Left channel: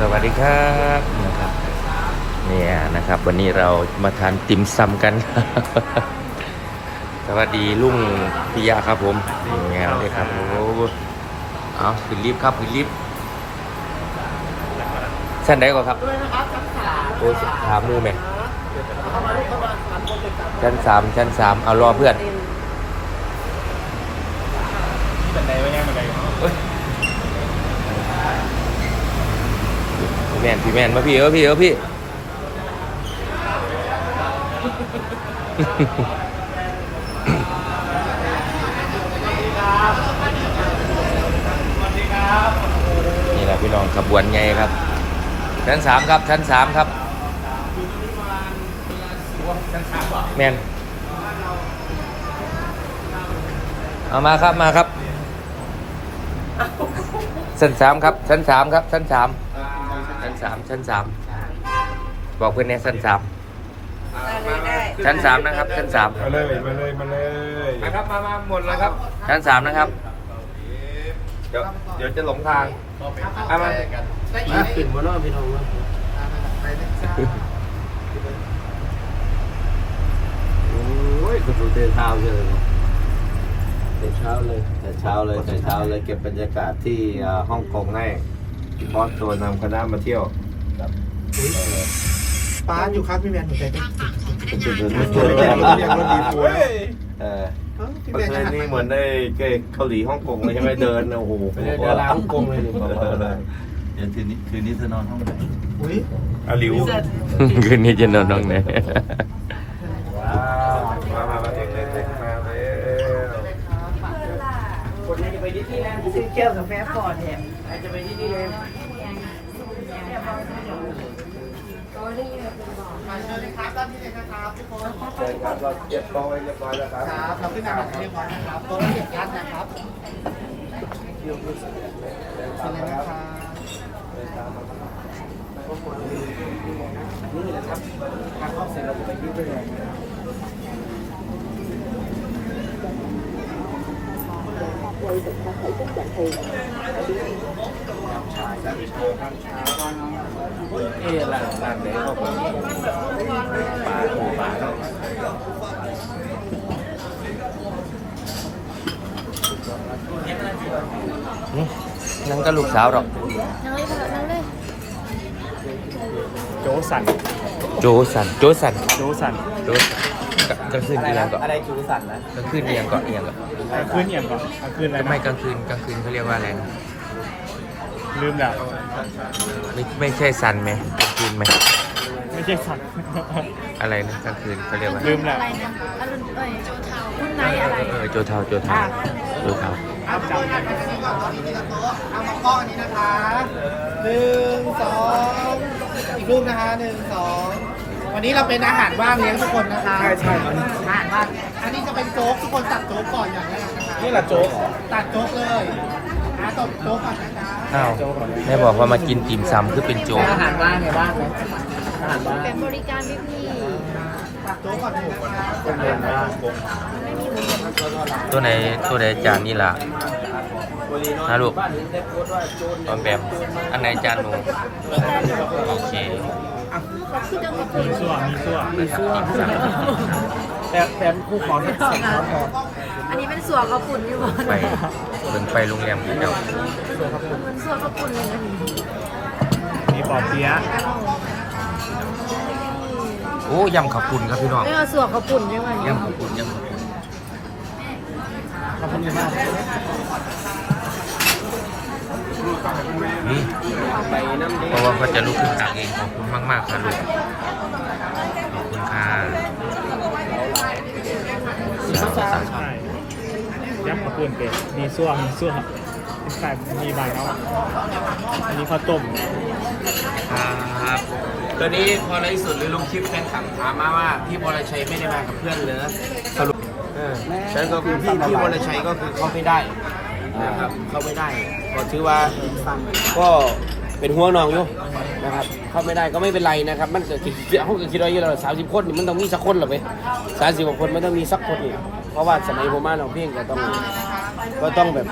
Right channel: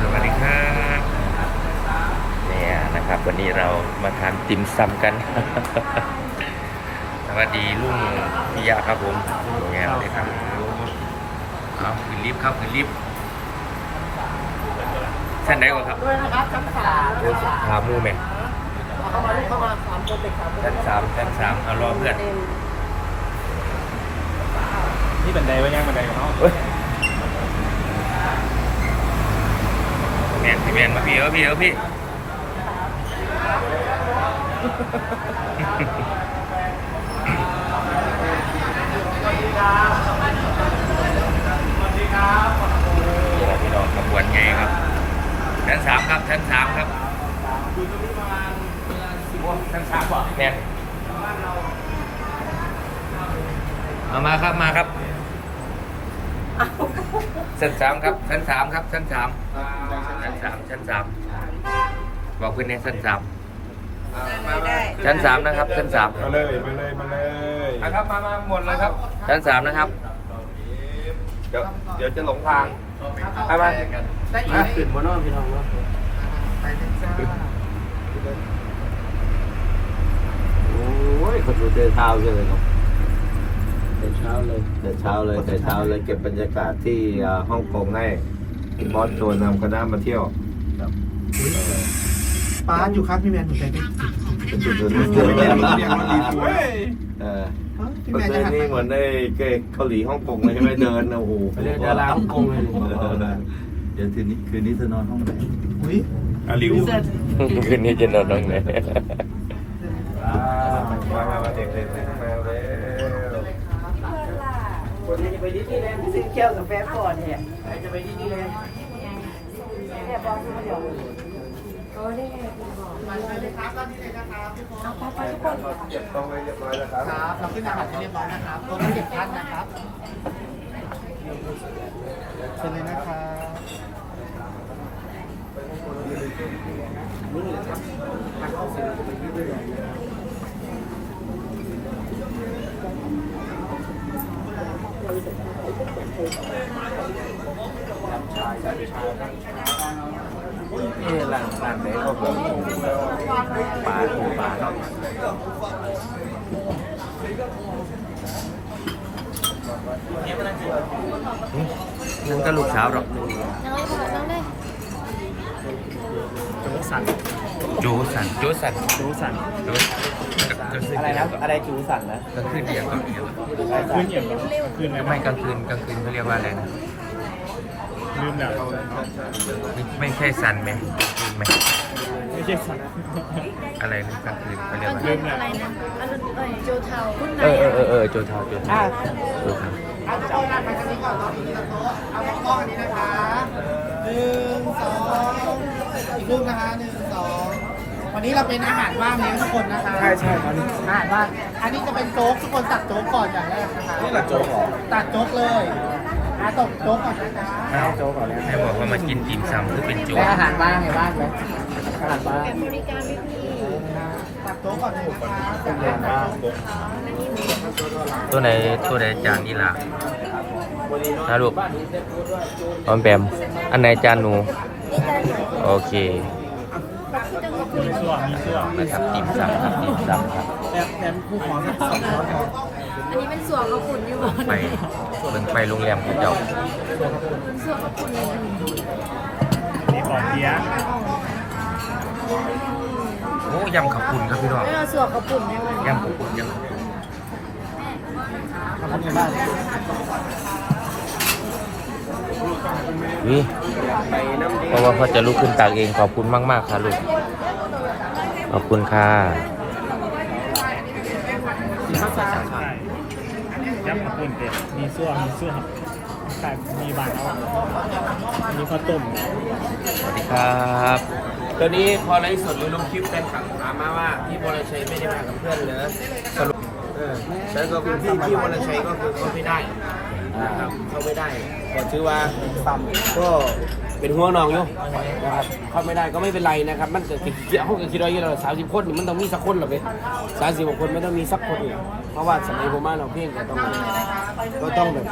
สวัสดีครับเนี่ยนะครับ วันนี้เรามาทานติ่มซำกันสวัสดีลุงพิยาครับผมเนี่ยครับครับเอาขึ้นลิฟต์ครับขึ้นลิฟต์ชั้นไหนก่อนครับด้วยนะครับชั้นสามเดี๋ยวถามมูแม่เอาเข้ามาลูกเข้ามาสามคนเด็กสามชั้นสามชั้นสามเอารอเพื่อนที่บันไดไว้แน่บันไดเขาเฮ้ย แม่นพี่แม่นมาพี่เออพี่เออพี่พี่น้องขบวนไงครับชั้นสามครับชั้นสามครับชั้นสามป่ะเมนเอามาครับมาครับชั้นสามครับชั้นสามครับชั้นสามชั้น สามชั้นสามบอกเพื่อนในชั้นสามชั้นสามนะครับ ชั้นสามมาเลย มาเลย มาเลยนะครับ มามาหมดเลยครับ ชั้นสามนะครับ เดี๋ยวเดี๋ยวจะหลงทางไปมาได้อีกปิดบนนอกพี่น้องว่าไปชั้นสามโอ้ยคนดูเตะเช้าเลยเนาะแต่เช้าเลยแต่เช้าเลยแต่เช้าเลยเก็บบรรยากาศที่เอ่อฮ่องกงให้ บอสตัวนำคณะมาเที่ยวป้าอยู่ครับพี่แมนหัวใจเต้นเออพี่เมื่แมอนคืจะนหันนี้เหมือนได้เกเกาหลีฮ่องกงเลยใช่ไหมเดินนะโอ้โหดาราฮ่องกงเลยเดี๋ยวคืนนี้คืนนี้เธอนอนห้องไหนอุ้ยอาหลิวคืนนี้จะนอนตรงไหน มามามาเด็กเด็กมาเลย คนนี้จะไป ดิสนีย์แลนด์ซื้อแก้วกาแฟก่อนเนี่ยใครจะไปดิสนีย์แลนด์ครับเราเก็บต้องไว้เรียบร้อยแล้วครับครับเราขึ้นอาหารเรียบร้อยนะครับตัวละเจ็ดพันนะครับเชิญเลยนะครับทางเข้าเสร็จเราจะไปดิสนีย์แลนเอ๊ะหลังหลังไหนก็แบบป่าหมู่ป่าเนาะนั่งกับลูกสาวหรอ กนั่งเลยพ่อนั่งเลยโจสันโจสันโจสันโจสันโจสัน กลางคืนที่นั่นก่อนอะไรจูสันนะกลางคืนเรียงก่อนเรียงก่อนกลางคืนอย่างก่อนกลางคืนอะไรไม่กลางคืนกลางคืนเขาเรียกว่าอะไรนะลืมแล้วไม่ไม่ใช่สันไหมกลางคืนไหมไม่ใช่สันอะไรนะกลางคืนเขาเรียกว่าลืมแล้วอะไรนะอรุณเอ้ยโจเทารุ่นไหนเอออะเอไรอเออโจเทาโจเทาโจเทาเอาทุกคนเนี่ยไปกันดีกว่าตอนนี้ทีละโต๊ะเอามาก้อนนี้นะคะหนึ่งสองอีกรูปนะคะหนึ่งสองวันนี้เราเป็นอาหารว่างเลี้ยงทุกคน นะคะใช่ใช่อันนี้อาหารว่างอันนี้จะเป็นโจ๊กทุกคนตัดโจ๊กก่อนอย่างแรกนะคะนี่แหละโจ๊กเหรอตัดโจ๊กเลยอาตบโจ๊กก่อนนะจ๊ะอ้าวโจ๊กก่อนเนี่ยแม่บอกว่ามากินติ่มซำคือเป็นโจแต่อาหารว่างเนี่ยว่างเลยอาหารว่างเป็นบริการพี่พี่ตัดโจ๊กก่อนถูกก่อนตัวไหนตัวไหนจานนี่ล่ะนะลูกออมแปมอันไหนจานหนู โอเค นะครับติ่สับติ่มแต่แต่ผู้ขอที่สองช้อนพออันนี้เป็นส่วนข้าวปุ่นอยู่บนำไปเบิ่งไปโรงแรมเขาเจ้ามันส่วนข้าวปุ่นเลยนะนี่นี่ปอเปียะโอ้ยำขับปุ่นครับพี่น้องเอ้ยเอาส่วนข้าวปุ่นใช่ไหมยำขับปุ่นยำขับปุ่นขอบคุณมาก นี่เพราะว่าเขาจะลุกขึ้นตักเองขอบคุณมากๆค่ะลูก ขอบคุณค่ะสามสามครับยักษ์กระปุนเป็ดมีส่วงมีส่วงใส่มีบานเอาอันนี้ข้าวต้ม ครับตอนนี้พอไลฟ์สดหรือลงคลิปแฟนคลับถามมาว่าพี่บอลชัยไม่ได้มากับเพื่อนเลยสรุปเออใช่ก็คือพี่พี่บอลชัยก็คือเข้าไม่ได้ นะครับเข้าไม่ได้ก็ถือว่าก็เป็นห่วงน้องอยู่นะครับเข้าไม่ได้ก็ไม่เป็นไรนะครับ มันเกิดเขาเกิดคิดว่าอยู่แล้วสามสิบคนนี่มันต้องมีสักคนหรอไปสามสิบกว่าคนมันต้องมีสักคนอีกเพราะว่าสมัยผมมาเราเพ่งก็ต้องก็ต้องแบบ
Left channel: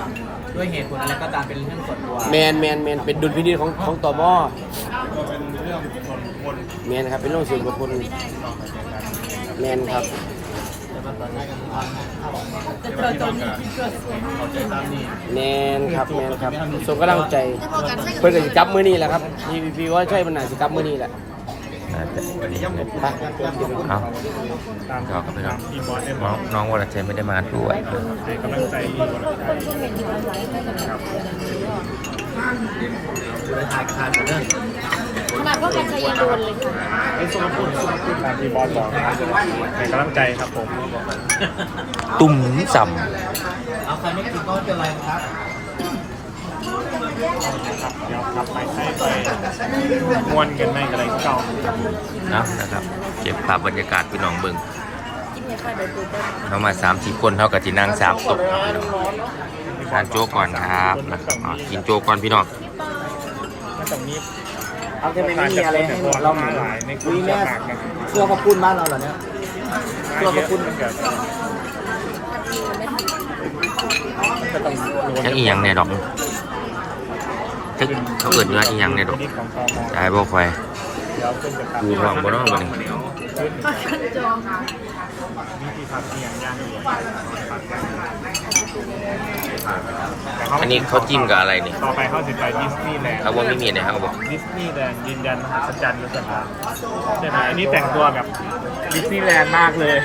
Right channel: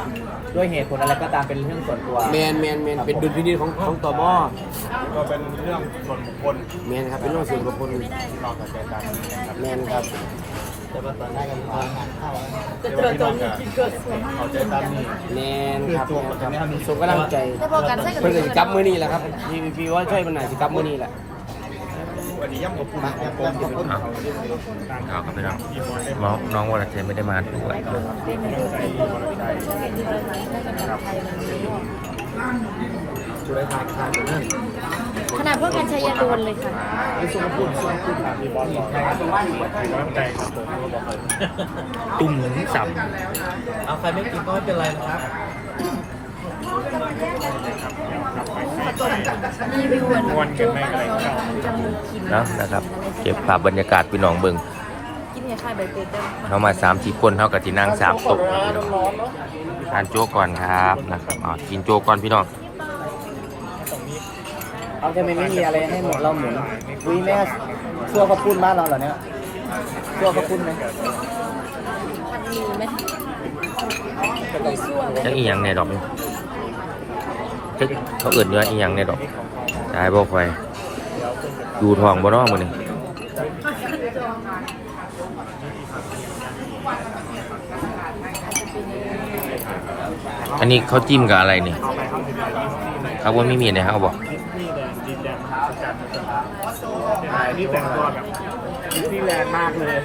ด้วยเหตุผลอะไรก็ตามเป็นเรื่องส่วนตัวแมนแมนแมนเป็นดุลพินิจของของตมก็เป็นเรื่องส่วนคนแมนครับเป็นเรื่องส่วนบุคคลแมนครับ แมนครับแมนครับส่งกำลังใจแต่พอกันใช่กับเพื่อนก็จะกลับมื้อนี้แหละครับพี่พี่ว่าใช่มันน่าจะกลับมื้อนี้แหละไปเอาเอาครับพี่น้องน้องน้องวรชัยไม่ได้มาด้วยผู้ได้ทายคาตัวเรื่อง ขนาดพวกกันช้ยังโดนเลยค่ะไอ้สุขภาพสุขภาพมีบอลสองให้กำลังใจครับผมตุ่มซเอาใครไม่กินก็ไม่เป็นไรนะครับมวนกันไม่อะไรก็ำครับผมเนะนะครับ เก็บภาพบรรยากาศพี่น้องเบิ่งเรามาสามสี่คนเท่ากับที่นั่งสามตุกครับพี่น้องทานโจ๊กก่อนครับนะครับอ่ากินโจ๊กก่อนพี่น้อง จะไม่มีอะไรให้เราเหมือนวีแม่ซัวขอบคุณบ้านเราเหรอเนี่ยซัวขอบคุณไหมจักอีหยังเนี่ยดอกจักเขาเอิ้นว่าอีหยังเนี่ยดอกตายบ่ค่อยดูท้องบ่เน้องมื้อนี้ อันนี้เขาจิ้มกับอะไรนี่ ต่อไปเข้าถึงดิสนีย์แลนด์เอาว่าไม่มีเนี่ยเขาบอก ดิสนีย์แลนด์ยืนยันสัจจันทร์สัจจันทร์ใช่ไหมอันนี้แต่งตัวกับดิสนีย์แลนด์มากเลย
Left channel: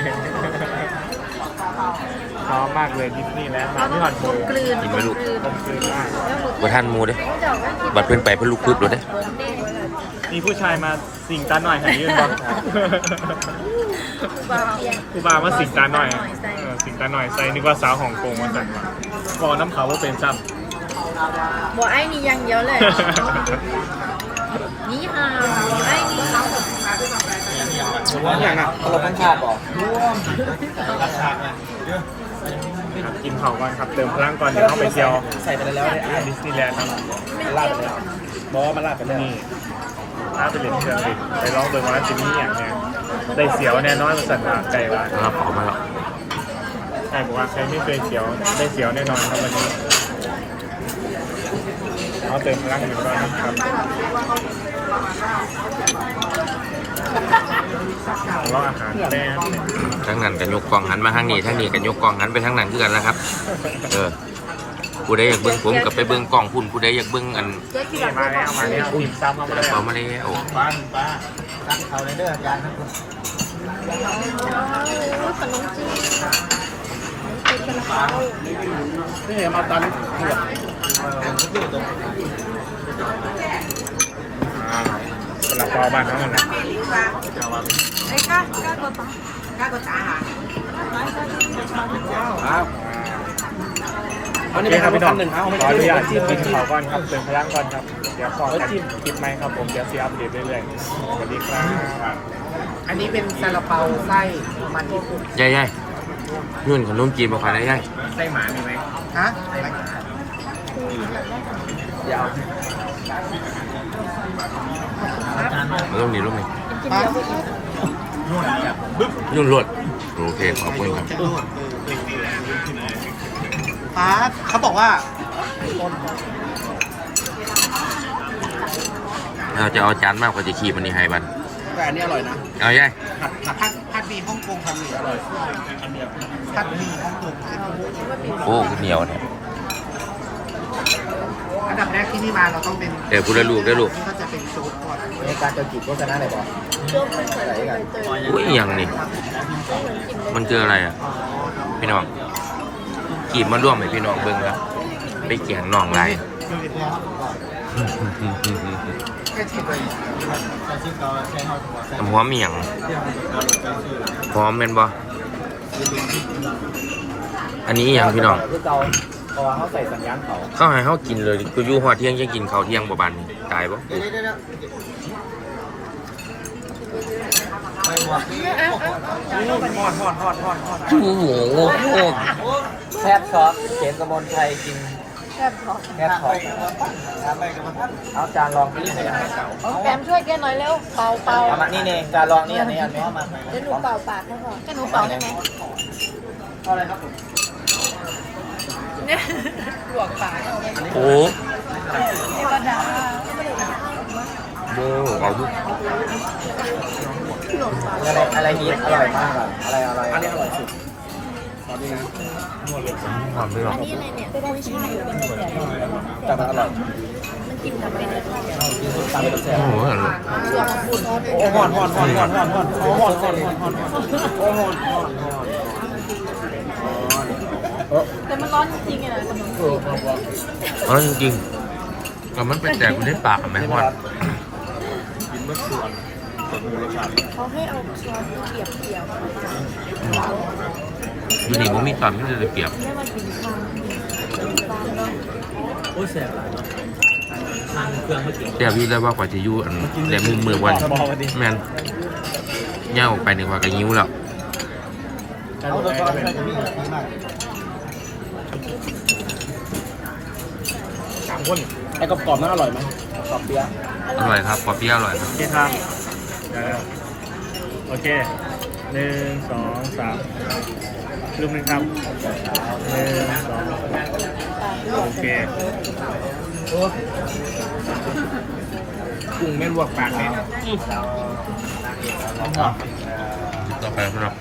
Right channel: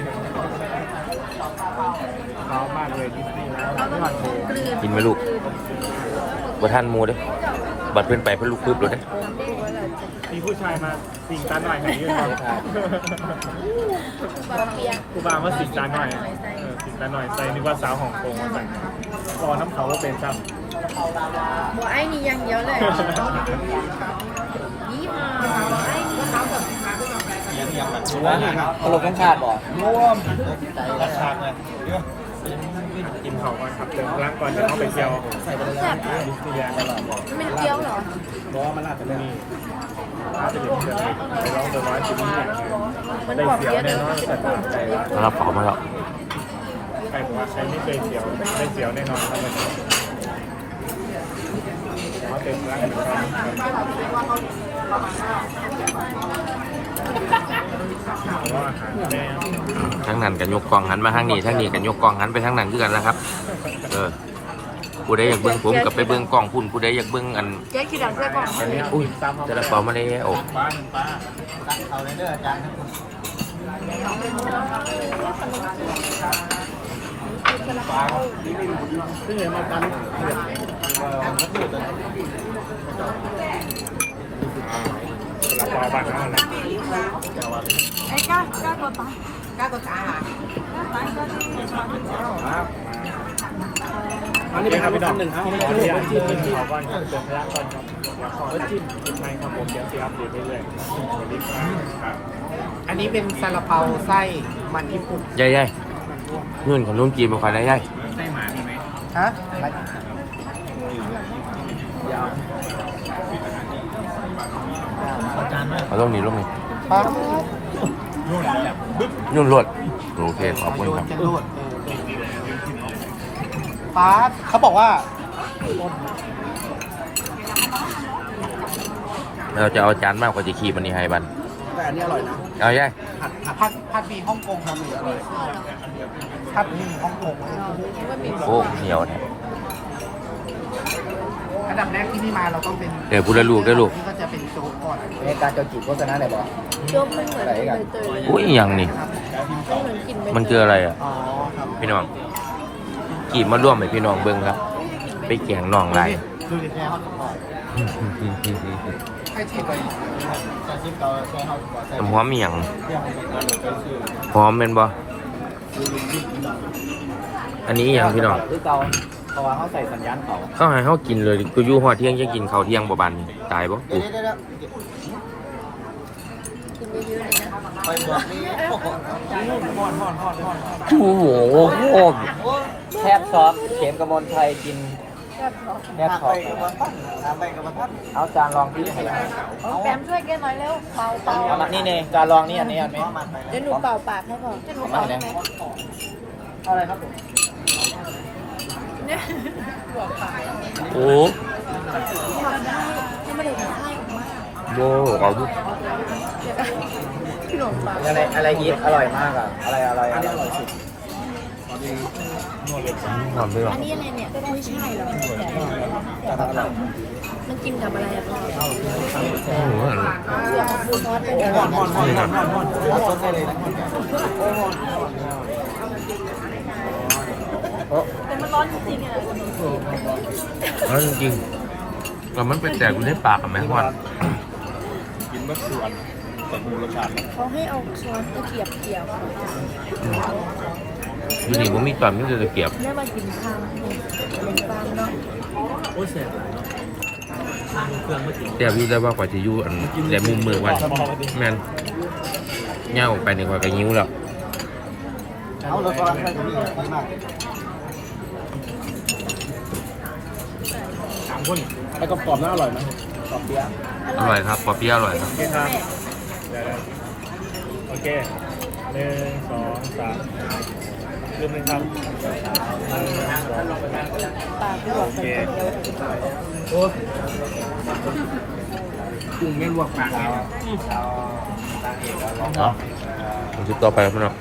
น้องมากเลยดิสนีย์แลนด์เราต้องพี่หอนกลมกลืนกินไหมลูกคือว่าบ่ทันหมูเด้ บัดเพิ่นไปเพิ่นลุกพึบเลยเด้ มีผู้ชายมาสิงตาหน่อยให้ยืนบ้างคูบาเปียครูบามาสิงตาหน่อยเออสิงตาหน่อยใส่นึกว่าสาวฮ่องกงมาสั่งมา ก่อนน้ำเขาว่าเป็นซ้ำบัวไอ้มีอย่างเดียวเลย นี่ฮะไอ้นี่รวมอย่างรวมทั้งชาติบอกรวมรับฉากเลยกินเผาก่อนครับเติมพลังก่อนเดี๋ยวต้องไปเที่ยวใส่ไปแล้วดิสนีย์แลนด์ตลอดลาดไปแล้วบอมันลาดไปแล้วลาดไปเป็นเที่ยวเลยไปลองเดินร้านที่นี่อย่างเดียวได้เสียวแน่นอนมันสั่นมาไก่ว่าเราขอมาแล้ว ไก่บอกว่าใครไม่เคยเสียวได้เสียวแน่นอนครับวันนี้เราเติมพลังอยู่ครับรออาหารแน่ทั้งนั้นกันยกกล่องหันมาทางนี้ทางนี้กันยกกล่องหันไปทางนั้นคือกันนะครับ เออผู้ใดอยากเบิ่งผมกับไปเบิ่งกล่องพุ่นผู้ใดอยากเบิ่งอันมาแล้วมาแล้วอุ้ยจะละเป๋ามาแล้วป้าป้าเอาเลยเด้ออาจารย์นะป้านี่มาตันสำหรับรอบ้านเขาเนี่ยนะไอ้ก้าก้ากดตาก้ากดตาค่ะวันนี้เป็นครับพี่น้องขออนุญาตจิ้มกินขอก่อนครับเติมพลังก่อนครับเดี๋ยวขอจิ้มกินไหมครับผมเดี๋ยวซีอัปเดตเรื่อยๆสวัสดีครับอันนี้เป็นซาลาเปาไส้มันญี่ปุ่นยายยาย นุ่นขนมจีนมาขายได้ยายไส้หมามีไหมฮะเอาลงนี่ลงนี่ป้านุ่นรวดโอเคขอบคุณครับป้าเขาบอกว่าเราจะเอาจานมากกว่าจะขี่มันนี่ให้บันอันนี้อร่อยนะ เอายายผัดผัดผัดหมีฮ่องกงทำเลยอร่อย โอ้เหนียวแท้อันดับแรกที่นี่มาเราต้องเป็นเดี๋ยวพูดได้ลูกได้ลูกนี่ก็จะเป็นซุปก่อนในการจะจิบโฆษณาไหนบอกไหนกันอุ้ยอหย่างนี่มันคืออะไรอะอ๋อครับพี่น้องกีบมาร่วมให้พี่น้องเบิ่งครับ ไปเกี่ยงน้องไรดูดิแค่เขาก่อนให้ชิมไปการชิมเกาแค่เขาก่อนแค่น้ำหอมมีหยังเรื่องของก่อนไปชื่อหอมเป็นบ่ อันนี้อหย่างพี่น้องคือเกาเพราะว่าเขาใส่สัญญาณเขาเข้าให้เขากินเลยกูอยู่หอดเที่ยงจะกินข้าวเที่ยงบ่บันตายบ่กูเดี๋ยวไปบอกนี่โอ้โหโคตรแคบซอสเขียนกระมวลชัยกิน แคบซอสเอาจานรองนี่แกมช่วยแกหน่อยเร็วเป่าเป่านี่นี่จานรองนี่อันนี้อันนี้เดี๋ยวหนูเป่าปากนะผมจะหนูเป่ายังไงโอ้โบเอาดูอะไรอะไรฮิตอร่อยมากอะอะไรอร่อยอันนี้อร่อยสุด หอมไปหรอแต่มันอร่อยโอ้โหอร่อยห่อนห่อนห่อนห่อนห่อนห่อนห่อนเลยเออจริงๆแล้วมันไปแตกอยู่ในปากอะแม่ฮอดกินเมื่อส่วนแต่หมูรสชาติเขาให้เอาช้อนตะเกียบเกี่ยว อืมอยู่นี่ผมมีตอนที่จะเก็บเมื่อมาถึงทางหนึ่งตาเนาะโอ้ยแสบหลายเนาะทางเครื่องเมื่อกี้แต่พี่ได้ว่ากว่าจะอยู่อันแหลมมุมมือวันแม่นเง่าออกไปหนึ่งกว่าก็ยิ้วแล้วเอาตัวก่อนไปมีดีมากสามคนไอ้กรอบๆน่าอร่อยไหมกรอบเปี๊ยะอร่อยครับปอเปี๊ยะอร่อยครับโอเคทาน เออโอเคหนึ่งสองสามลืมเลยครับหนึ่งสองโอเคกุ้งแม่นลวกปากเนี่ยอ๋อติดต่อไปแล้วพี่น้อง